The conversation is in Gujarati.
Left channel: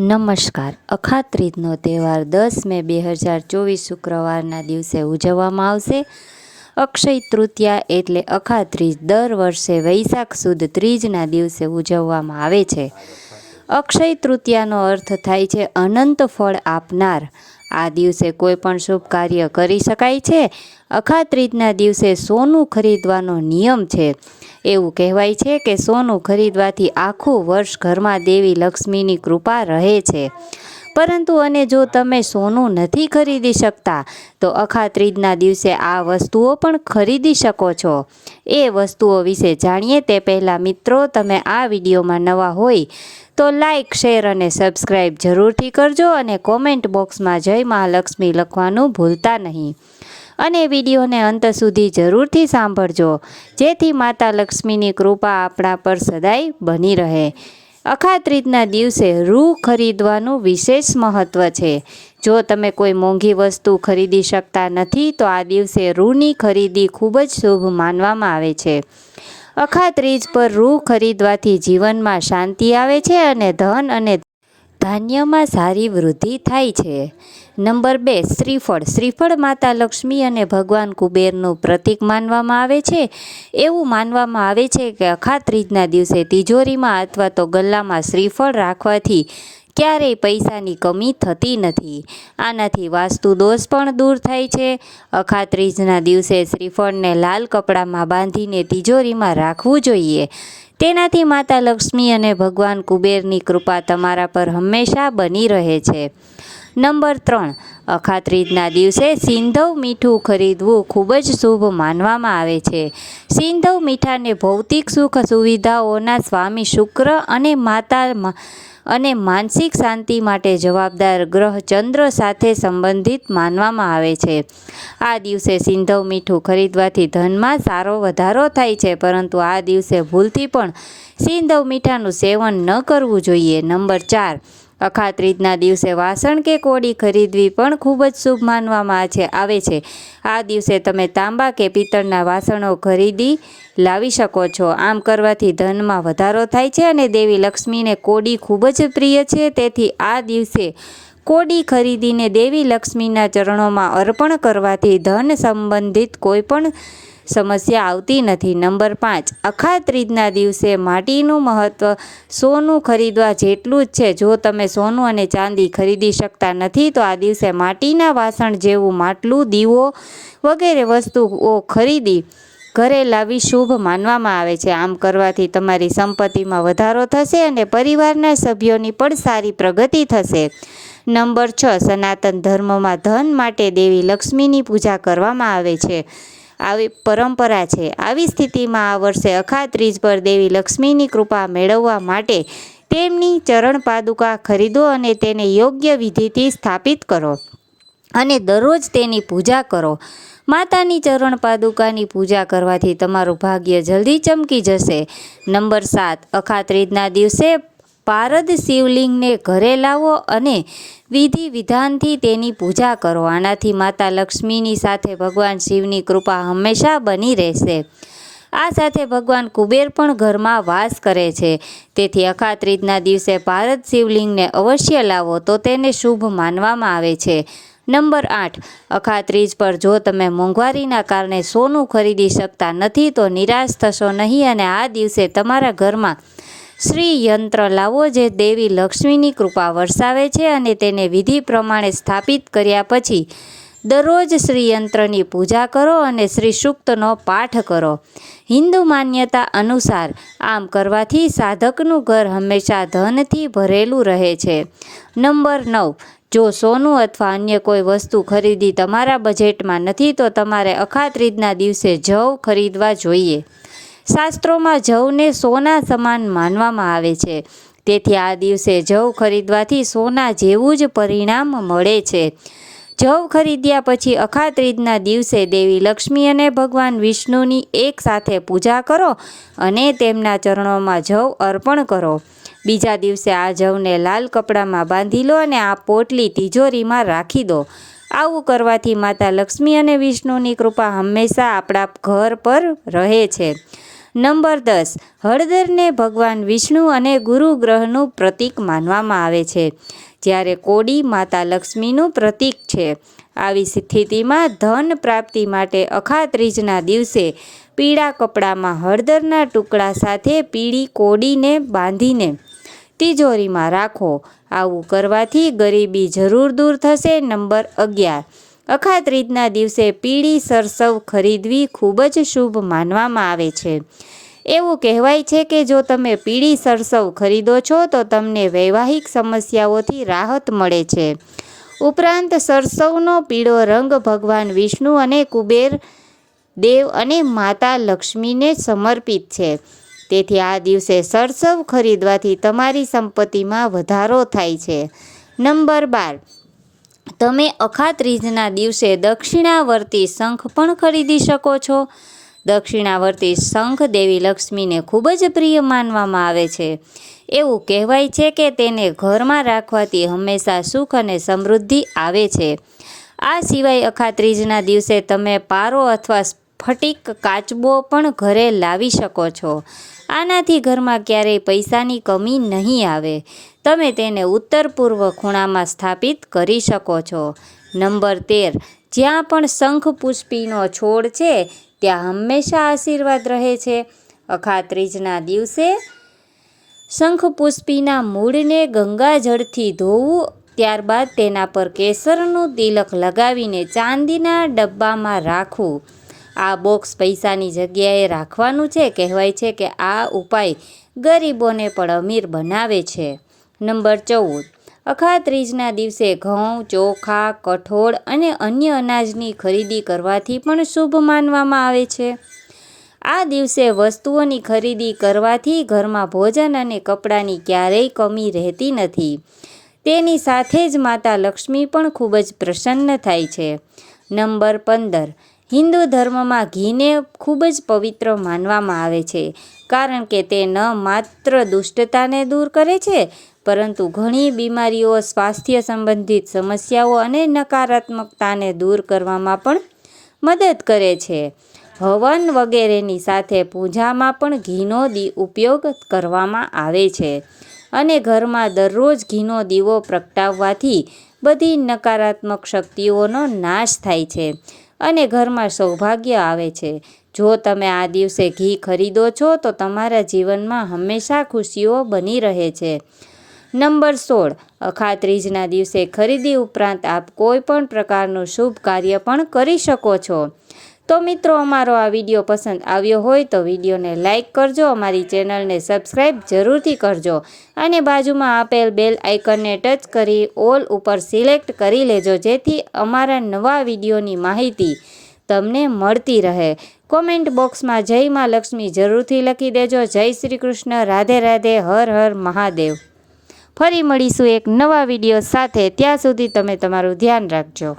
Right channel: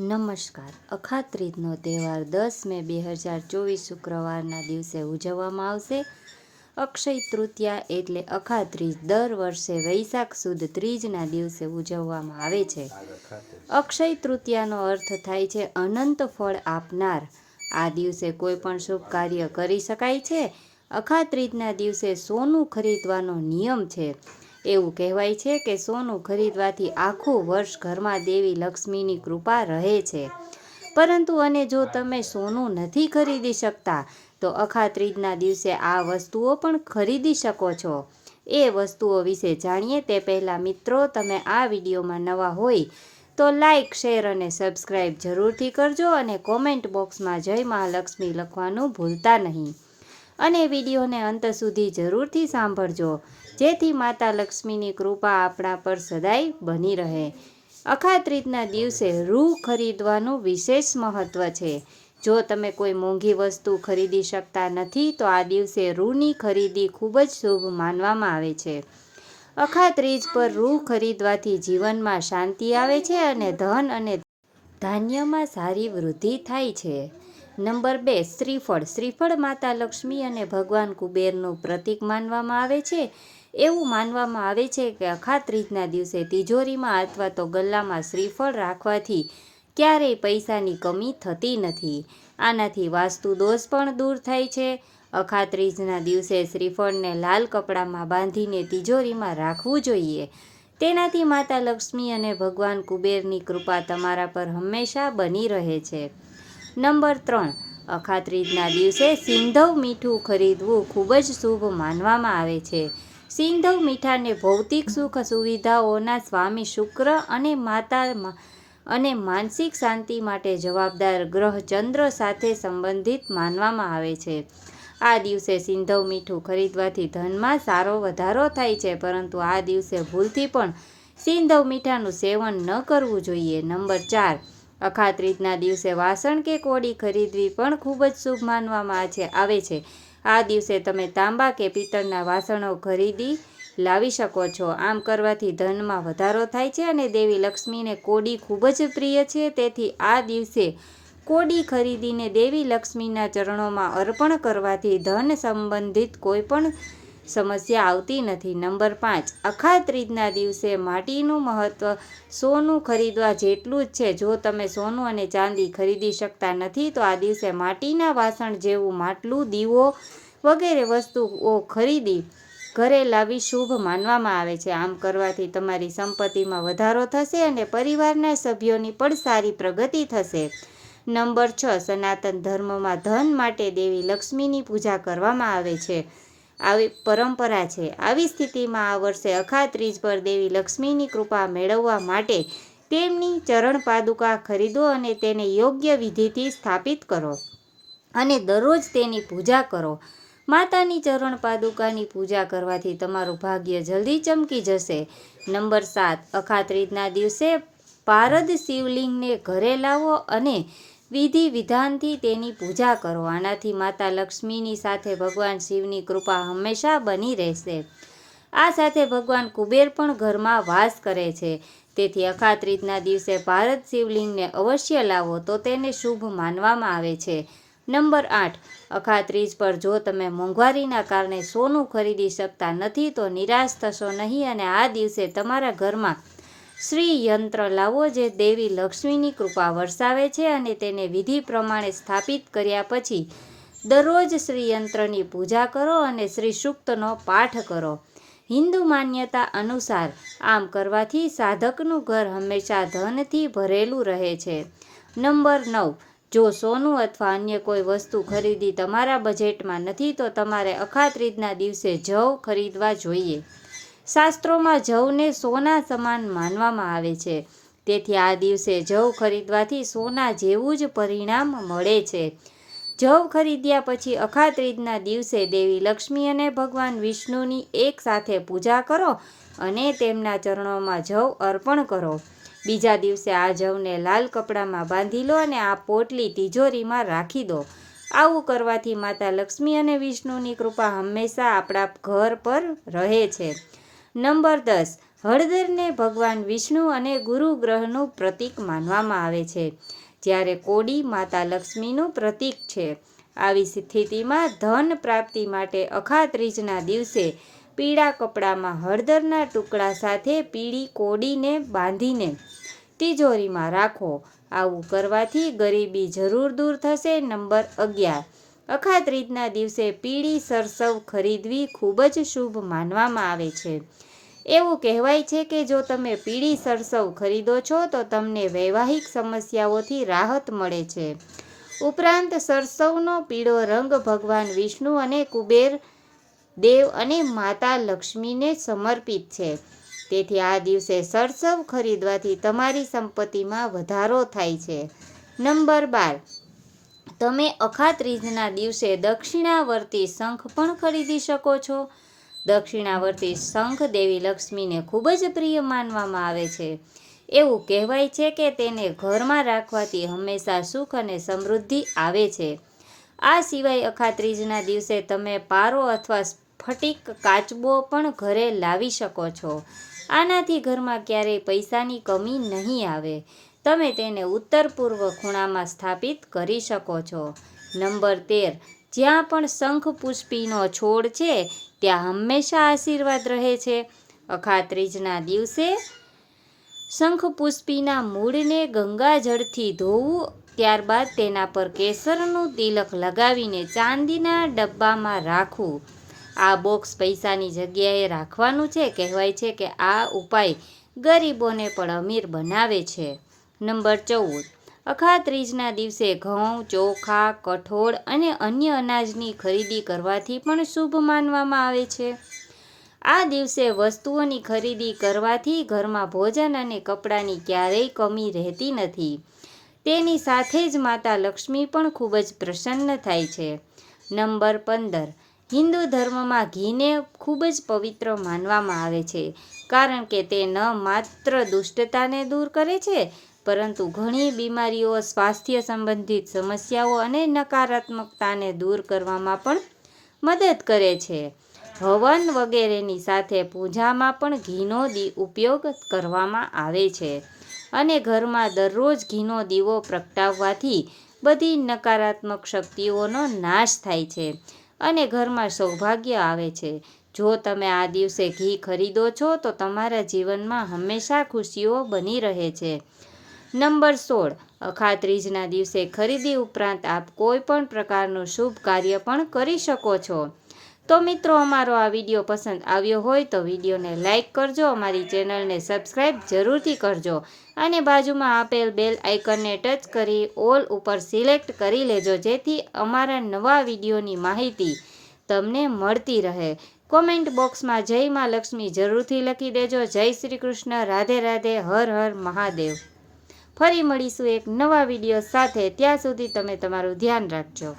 નમસ્કાર. અખાત ત્રીજનો તહેવાર દસ મે બે હજાર ચોવીસ શુક્રવારના દિવસે ઉજવવામાં આવશે. અક્ષય તૃતીયા એટલે અખાત્રીજ દર વર્ષે વૈશાખ સુદ ત્રીજના દિવસે ઉજવવામાં આવે છે. અક્ષય તૃતીયાનો અર્થ થાય છે અનંત ફળ આપનાર. આ દિવસે કોઈ પણ શુભ કાર્ય કરી શકાય છે. અખાત્રીજના દિવસે સોનું ખરીદવાનો નિયમ છે. એવું કહેવાય છે કે સોનું ખરીદવાથી આખું વર્ષ ઘરમાં દેવી લક્ષ્મીની કૃપા રહે છે. પરંતુ અને જો તમે સોનું નથી ખરીદી શકતા, તો અખા ત્રીજના દિવસે આ વસ્તુઓ પણ ખરીદી શકો છો. એ વસ્તુઓ વિશે જાણીએ તે પહેલાં મિત્રો, તમે આ વિડીયોમાં નવા હોય તો લાઈક, શેર અને સબસ્ક્રાઈબ જરૂરથી કરજો અને કોમેન્ટ બોક્સમાં જય મહાલક્ષ્મી લખવાનું ભૂલતા નહીં. અને વિડીયોને અંત સુધી જરૂરથી સાંભળજો, જેથી માતા લક્ષ્મીની કૃપા આપણા પર સદાય બની રહે. અખાત રીતના દિવસે રૂ ખરીદવાનું વિશેષ મહત્ત્વ છે. જો તમે કોઈ મોંઘી વસ્તુ ખરીદી શકતા નથી, તો આ દિવસે રૂની ખરીદી ખૂબ જ શુભ માનવામાં આવે છે. અખાત્રીજ પર રૂ ખરીદવાથી જીવનમાં શાંતિ આવે છે અને ધન અને ધાન્યમાં સારી વૃદ્ધિ થાય છે. નંબર બે, શ્રીફળ. શ્રીફળ માતા લક્ષ્મી અને ભગવાન કુબેરનું પ્રતીક માનવામાં આવે છે. એવું માનવામાં આવે છે કે અખાત્રીજના દિવસે તિજોરીમાં અથવા તો ગલ્લામાં શ્રીફળ રાખવાથી ક્યારેય પૈસાની કમી થતી નથી. આનાથી વાસ્તુ દોષ પણ દૂર થાય છે. અખાત્રીજના દિવસે શ્રીફળને લાલ કપડામાં બાંધીને તિજોરીમાં રાખવું જોઈએ. તેનાથી માતા લક્ષ્મી અને ભગવાન કુબેરની કૃપા તમારા પર હંમેશા બની રહે છે. નંબર ત્રણ, અખાત્રીજના દિવસે સિંધવ મીઠું ખરીદવું ખૂબ જ શુભ માનવામાં આવે છે. સિંધવ મીઠાને ભૌતિક સુખ સુવિધાઓના સ્વામી શુક્ર અને માતા અને માનસિક શાંતિ માટે જવાબદાર ગ્રહ ચંદ્ર સાથે સંબંધિત માનવામાં આવે છે. આ દિવસે સિંધવ મીઠું ખરીદવાથી ધનમાં સારો વધારો થાય છે, પરંતુ આ દિવસે ભૂલથી પણ સિંધવ મીઠાનું સેવન ન કરવું જોઈએ. નંબર ચાર અખાત દિવસે વાસણ કે કોડી ખરીદવી પણ ખૂબ જ શુભ માનવામાં છે, આવે છે. આ દિવસે તમે તાંબા કે પિત્તળના વાસણો ખરીદી લાવી શકો છો. આમ કરવાથી ધનમાં વધારો થાય છે અને દેવી લક્ષ્મીને કોડી ખૂબ જ પ્રિય છે. તેથી આ દિવસે કોડી ખરીદીને દેવી લક્ષ્મીના ચરણોમાં અર્પણ કરવાથી ધન સંબંધિત કોઈ પણ સમસ્યા આવતી નથી. નંબર પાંચ. અખાત્રીજના દિવસે માટીનું મહત્ત્વ સોનું ખરીદવા જેટલું જ છે. જો તમે સોનું અને ચાંદી ખરીદી શકતા નથી, તો આ દિવસે માટીના વાસણ જેવું માટલું, દીવો વગેરે વસ્તુઓ ખરીદી ઘરે લાવી શુભ માનવામાં આવે છે. આમ કરવાથી તમારી સંપત્તિમાં વધારો થશે અને પરિવારના સભ્યોની પણ સારી પ્રગતિ થશે. નંબર છ. સનાતન ધર્મમાં ધન માટે દેવી લક્ષ્મીની પૂજા કરવામાં આવે છે. આવી પરંપરા છે. આવી સ્થિતિમાં આ વર્ષે અખા ત્રીજ પર દેવી લક્ષ્મીની કૃપા મેળવવા માટે તેમની ચરણ પાદુકા ખરીદો અને તેને યોગ્ય વિધિથી સ્થાપિત કરો અને દરરોજ તેની પૂજા કરો. માતાની ચરણ પાદુકાની પૂજા કરવાથી તમારું ભાગ્ય જલ્દી ચમકી જશે. નંબર સાત અખાત્રીજના દિવસે પારદ શિવલિંગને ઘરે લાવો અને વિધિ વિધાનથી તેની પૂજા કરો. આનાથી માતા લક્ષ્મીની સાથે ભગવાન શિવની કૃપા હંમેશા બની રહેશે. આ સાથે ભગવાન કુબેર પણ ઘરમાં વાસ કરે છે. તેથી અખાત્રીજના દિવસે ભારત શિવલિંગને અવશ્ય લાવો તો તેને શુભ માનવામાં આવે છે. નંબર આઠ. અખાત્રીજ પર જો તમે મોંઘવારીના કારણે સોનું ખરીદી શકતા નથી તો નિરાશ થશો નહીં અને આ દિવસે તમારા ઘરમાં શ્રી યંત્ર લાવો જે દેવી લક્ષ્મીની કૃપા વરસાવે છે અને તેને વિધિ પ્રમાણે સ્થાપિત કર્યા પછી દરરોજ શ્રી યંત્રની પૂજા કરો અને શ્રી સૂક્તનો પાઠ કરો. હિન્દુ માન્યતા અનુસાર આમ કરવાથી સાધકનું ઘર હંમેશા ધનથી ભરેલું રહે છે. નંબર નવ, જો સોનું અથવા અન્ય કોઈ વસ્તુ ખરીદી તમારા બજેટમાં નથી તો તમારે અખાત્રીજના દિવસે જવ ખરીદવા જોઈએ. શાસ્ત્રોમાં જવને સોના સમાન માનવામાં આવે છે. તેથી આ દિવસે જવ ખરીદવાથી સોના જેવું જ પરિણામ મળે છે. જવ ખરીદ્યા પછી અખાત્રીજના દિવસે દેવી લક્ષ્મી અને ભગવાન વિષ્ણુની એક સાથે પૂજા કરો અને તેમના ચરણોમાં જવ અર્પણ કરો. બીજા દિવસે આ જવને લાલ કપડામાં બાંધી લો અને આ પોટલી તિજોરીમાં રાખી દો. આવું કરવાથી માતા લક્ષ્મી અને વિષ્ણુની કૃપા હંમેશા આપણા ઘર પર રહે છે. નંબર દસ, હળદરને ભગવાન વિષ્ણુ અને ગુરુ ગ્રહનું પ્રતીક માનવામાં આવે છે. જ્યારે કોડી માતા લક્ષ્મીનું પ્રતીક છે. આવી સ્થિતિમાં ધન પ્રાપ્તિ માટે અખાત્રીજના દિવસે પીળા કપડામાં હળદરના ટુકડા સાથે પીળી કોડીને બાંધીને તિજોરીમાં રાખો. આવું કરવાથી ગરીબી જરૂર દૂર થશે. નંબર અગિયાર અખાત્રીજના દિવસે પીળી સરસવ ખરીદવી ખૂબ જ શુભ માનવામાં આવે છે. એવું કહેવાય છે કે જો તમે પીળી સરસવ ખરીદો છો, તો તમને વૈવાહિક સમસ્યાઓથી રાહત મળે છે. ઉપરાંત સરસવનો પીળો રંગ ભગવાન વિષ્ણુ અને કુબેર દેવ અને માતા લક્ષ્મીને સમર્પિત છે. તેથી આ દિવસે સરસવ ખરીદવાથી તમારી સંપત્તિમાં વધારો થાય છે. નંબર બાર. તમે અખાત્રીજના દિવસે દક્ષિણાવર્તી શંખ પણ ખરીદી શકો છો. દક્ષિણાવર્તી શંખ દેવી લક્ષ્મીને ખૂબ જ પ્રિય માનવામાં આવે છે. એવું કહેવાય છે કે તેને ઘરમાં રાખવાથી હંમેશા સુખ અને સમૃદ્ધિ આવે છે. આ સિવાય અખાત્રીજના દિવસે તમે પારો અથવા સ્ફટિક કાચબો પણ ઘરે લાવી શકો છો. આનાથી ઘરમાં ક્યારેય પૈસાની કમી નહીં આવે. તમે તેને ઉત્તર પૂર્વ ખૂણામાં સ્થાપિત કરી શકો છો. નંબર તેર. જ્યાં પણ શંખ પુષ્પીનો છોડ છે, ત્યાં હંમેશા આશીર્વાદ રહે છે. અખાત્રીજના દિવસે શંખપુષ્પીના મૂળને ગંગાજળથી ધોવું, ત્યારબાદ તેના પર કેસરનું તિલક લગાવીને ચાંદીના ડબ્બામાં રાખવું. આ બોક્સ પૈસાની જગ્યાએ રાખવાનું છે. કહેવાય છે કે આ ઉપાય ગરીબોને પણ અમીર બનાવે છે. નંબર ચૌદ. અખાત્રીજના દિવસે ઘઉં, ચોખા, કઠોળ અને અન્ય અનાજની ખરીદી કરવાથી પણ શુભ માનવામાં આવે છે. આ દિવસે વસ્તુઓની ખરીદી કરવાથી ઘરમાં ભોજન અને કપડાની ક્યારેય કમી રહેતી નથી. તેની સાથે જ માતા લક્ષ્મી પણ ખૂબ જ પ્રસન્ન થાય છે. નંબર પંદર. હિન્દુ ધર્મમાં ઘીને ખૂબ જ પવિત્ર માનવામાં આવે છે, કારણ કે તે ન માત્ર દુષ્ટતાને દૂર કરે છે, પરંતુ ઘણી બીમારીઓ, સ્વાસ્થ્ય સંબંધિત સમસ્યાઓ અને નકારાત્મકતાને દૂર કરવામાં પણ મદદ કરે છે. હવન વગેરેની સાથે પૂજામાં પણ ઘીનો દી ઉપયોગ કરવામાં આવે છે અને ઘરમાં દરરોજ ઘીનો દીવો પ્રગટાવવાથી બધી નકારાત્મક શક્તિઓનો નાશ થાય છે. અને ઘરમાં સૌભાગ્ય આવે છે. જો તમે આ દિવસે ઘી ખરીદો છો, તો તમારા જીવનમાં હંમેશા ખુશીઓ બની રહે છે. નંબર સોળ. અખાત્રીજના દિવસે ખરીદી ઉપરાંત આપ કોઈ પણ પ્રકારનું શુભ કાર્ય પણ કરી શકો છો. તો મિત્રો, અમારો આ વીડિયો પસંદ આવ્યો હોય તો વિડીયોને લાઇક કરજો, અમારી ચેનલને સબસ્ક્રાઈબ જરૂરથી કરજો અને બાજુમાં આપેલ બેલ આઇકનને ટચ કરી, ઓલ ઉપર સિલેક્ટ કરી લેજો, જેથી અમારા નવા વિડીયોની માહિતી તમને મળતી રહે. કોમેન્ટ બોક્સમાં જય માં લક્ષ્મી જરૂરથી લખી દેજો. જય શ્રી કૃષ્ણ. રાધે રાધે. હર હર મહાદેવ. ફરી મળીશું એક નવા વીડિયો સાથે. ત્યાં સુધી તમે તમારું ધ્યાન રાખજો.